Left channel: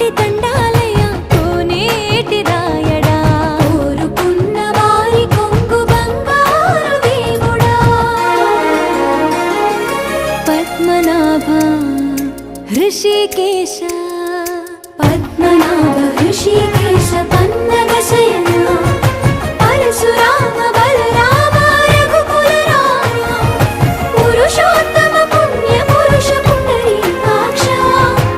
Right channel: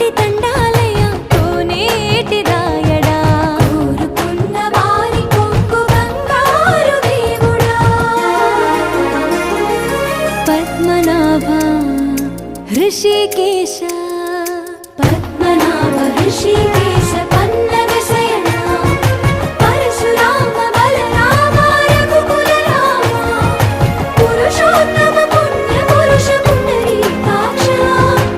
కోటి తండాలయ కోనేటి రాయడా కోరుకున్న వారి కొంగు బంగారు దేవుడా పద్మనాభ ఋషికేశ పద్మనాభ ఋషికేశ